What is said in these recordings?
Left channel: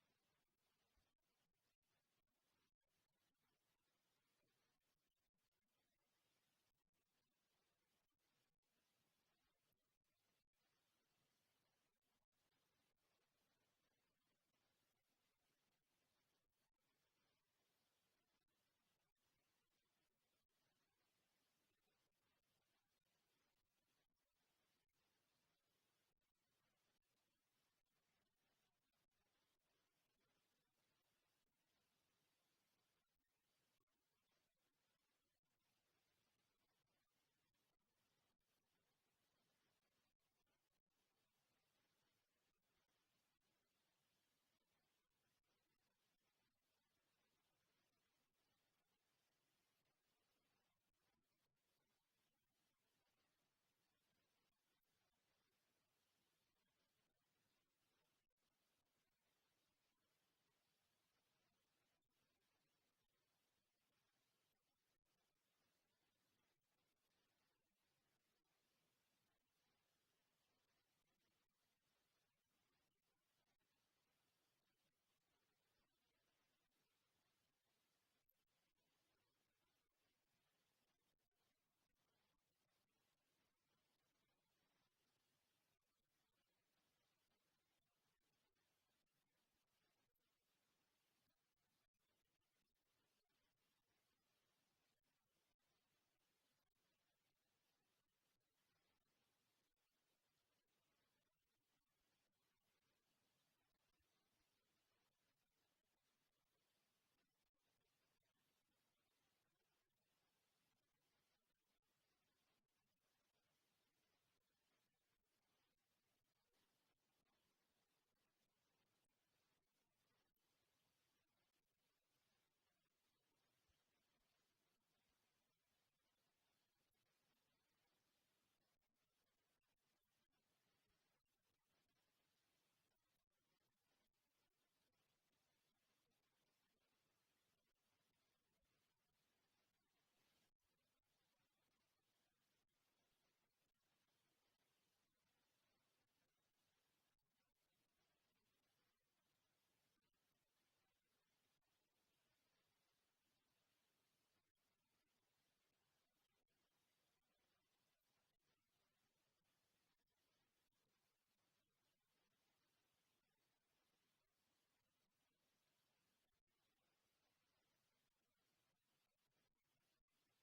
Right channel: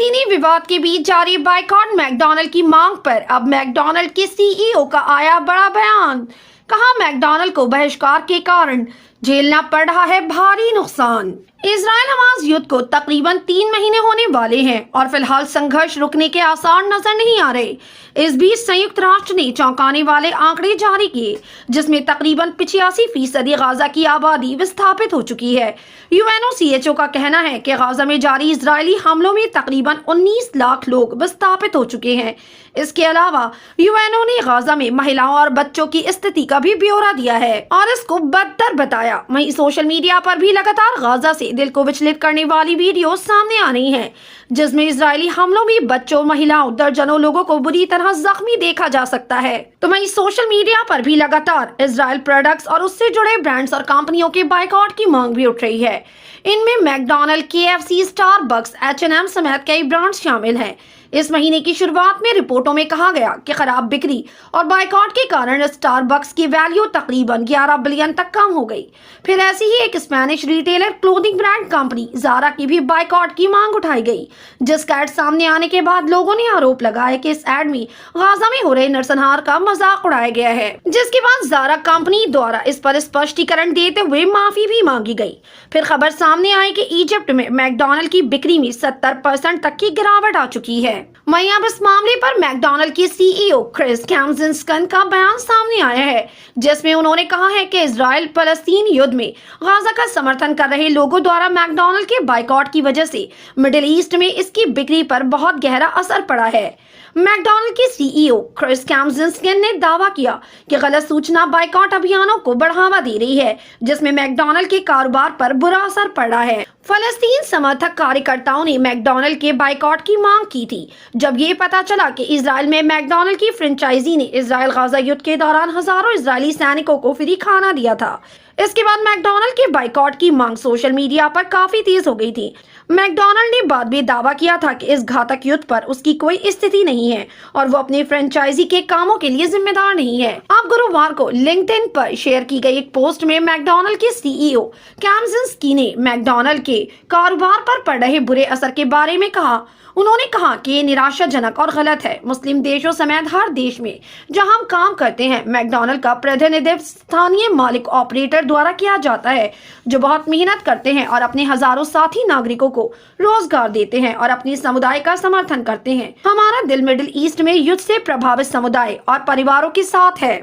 फलस्तीनी विवाद के बीच जारी बाइकॉट मैकडॉनल्ड की मांग पर अब मैकडॉनल्ड के सीईओ का आया बड़ा बयान। कहा, मैकडॉनल्ड को बहिष्कार के कारण झेलना पड़ रहा है भारी नुकसान। इजराइल हमास युद्ध को तकरीबन 3 महीने होने वाले हैं और फिलहाल संघर्ष रुकने के आसार नजर नहीं आ रहे। इस बीच संयुक्त राष्ट्र ने चौंकाने वाले आंकड़े जारी किए, जिसमें तकरीबन 85% गाजा की आबादी विस्थापित हो चुकी है। यूएनओसीएचओ का कहना है कि गाजा में जारी इजरायली हमलों में तकरीबन 19 लाख लोग विस्थापित हो चुके हैं। इसके अलावा यूएनओ ने गाजा में महिलाओं और बच्चों की स्थिति का भी ब्यौरा दिया है और इसको बदतर बताया। वहीं सोशल मीडिया पर भी लगातार गाजा से दिल को विचलित करने वाली वीडियो सामने आ रही हैं, जिसमें इजरायली हमलों में बच्चों, महिलाओं, दर्जनों लोगों को बुरी तरह जख्मी देखा जा सकता है। तो वहीं सोशल मीडिया पर भी लगातार इजराइल प्रोडक्ट्स और उससे जुड़े ब्रांड्स और कंपनियों के बाइकआउट की मांग भी उठ रही है। इनमें मैकडॉनल्ड, केएफसी, स्टारबक्स, एच&एम समेत कई ब्रांड्स शामिल हैं। इस महीने की शुरुआत में रिपोर्टों में कहा गया कि खराब बिक्री और बाइकआउट के कारण स्टारबक्स की वैल्यू तकरीबन 11 बिलियन तक कम हो गई। फिर ऐसी ही एक Spanish retailer clothing brand company Zara की भी बाइकआउट की मांग उठाई गई, जिसका एड सामने आने के बाद लोगों ने आरोप लगाया कि इस एड में गाजा में हो रहे नरसंहार का मजाक उड़ाया गया है, जिसके बाद ज़ारा कंपनी द्वारा इस पर स्पष्टीकरण देते हुए माफी भी मांगी गई। फिर खबर सामने आई कि इजिप्ट में मैकडॉनल्ड की बिक्री में 70% तक की गिरावट आ चुकी है। वहीं अब इस मामले पर मैकडॉनल्ड के सीईओ क्रिस कैमजिंस्कन का बयान सामने आया है, जिसमें उन्होंने कहा है कि इजराइल फलस्तीन युद्ध में गाजा का समर्थन कर रहे लोगों द्वारा मैकडॉनल्ड के बाइकआउट की वजह से मिडिल ईस्ट में इसकी बिक्री पर बहुत गहरा असर पड़ा है। मैकडॉनल्ड के सीईओ क्रिस कैमजिंस्कन ने दावा किया कि गलत सूचना बाइकआउट अभियानों को बढ़ावा दे रही है, जिसमें मैकडॉनल्ड के कारोबार पर बुरा असर पड़ा है। फलस्तीन समर्थक कार्यकर्ताओं ने मैकडॉनल्ड के बाइकआउट की मांग की थी, जब ये पता चला कि इजराइल में मैकडॉनल्ड की फ्रेंचाइजी ने इजराइल गाजा युद्ध के दौरान हजारों इजरायली सैनिकों को फ्री खाना दिया था। इसके बाद मैकडॉनल्ड के बाइकआउट की मांग सोशल मीडिया पर काफी तेज हो गई थी। मैकडॉनल्ड ने बाद में दावा किया था कि इस घातक युद्ध पर उसकी कोई स्थिति नहीं है और वो अपने फ्रेंचाइजी के कामों के लिए जिम्मेदार नहीं है। अब गुरुवार को लिंक्डइन पर शेयर की गई एक पोस्ट में मैकडॉनल्ड के सीईओ कैमजिंस्की ने मैकडॉनल्ड के कारोबार पर पड़ रहे बुरे असर के बारे में कहा। उन्होंने कहा कि ये निराशाजनक और गलत है। मुस्लिम देशों समेत हर देश में जहां हम काम करते हैं, मैकडॉनल्ड का प्रतिनिधित्व स्थानीय मालिक ऑपरेटर द्वारा किया जाता है, जो बहुत मेहनत करते हैं और अपने हजारों साथी नागरिकों को रोजगार देते हैं और अपने समुदाय का समर्थन करते हैं। हमारा दिल मिडिल ईस्ट में युद्ध से प्रभावित समुदाय और परिवारों के साथ है।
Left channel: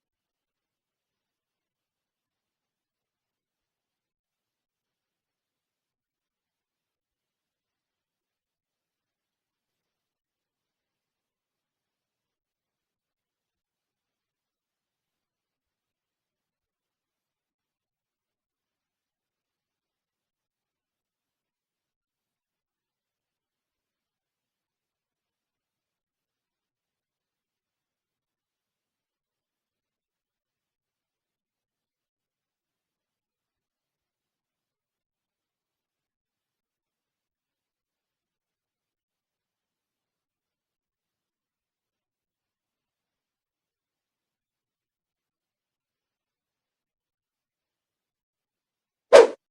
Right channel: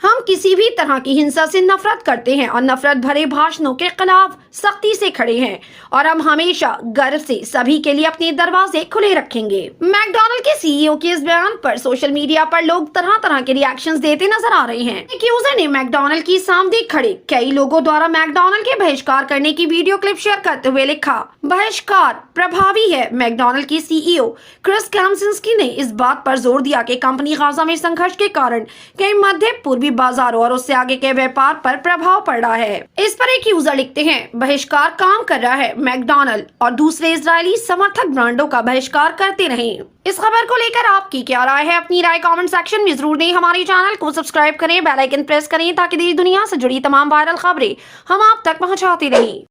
हम किसी भी तरह की हिंसा से नफरत करते हैं और नफरत भरे भाषणों के खिलाफ सख्ती से खड़े हैं और हम हमेशा गर्व से सभी के लिए अपने दरवाजे खुले रखेंगे। मैकडॉनल्ड के सीईओ के इस बयान पर सोशल मीडिया पर लोग तरह तरह के रिएक्शंस देते नजर आ रहे हैं। एक यूजर ने मैकडॉनल्ड की सामने खड़े कई लोगों द्वारा मैकडॉनल्ड के बहिष्कार करने की वीडियो क्लिप शेयर करते हुए लिखा, बहिष्कार प्रभावी है। मैकडॉनल्ड के सीईओ क्रिस कैमजिंस्की ने इस बात पर जोर दिया कि कंपनी गाजा में संघर्ष के कारण कई मध्य पूर्वी बाजारों और उससे आगे के व्यापार पर प्रभाव पड़ रहा है। इस पर एक यूजर लिखते हैं, बहिष्कार काम कर रहा है। मैकडॉनल्ड और दूसरे इजरायली समर्थक ब्रांडों का बहिष्कार करते रहें। इस खबर को लेकर आपकी क्या राय है? अपनी राय कमेंट सेक्शन में जरूर दें। हमारे चैनल को सब्सक्राइब करें, बेल आइकन प्रेस करें ताकि देश दुनिया से जुड़ी तमाम वायरल खबरें हम आप तक पहुंचाते रहें।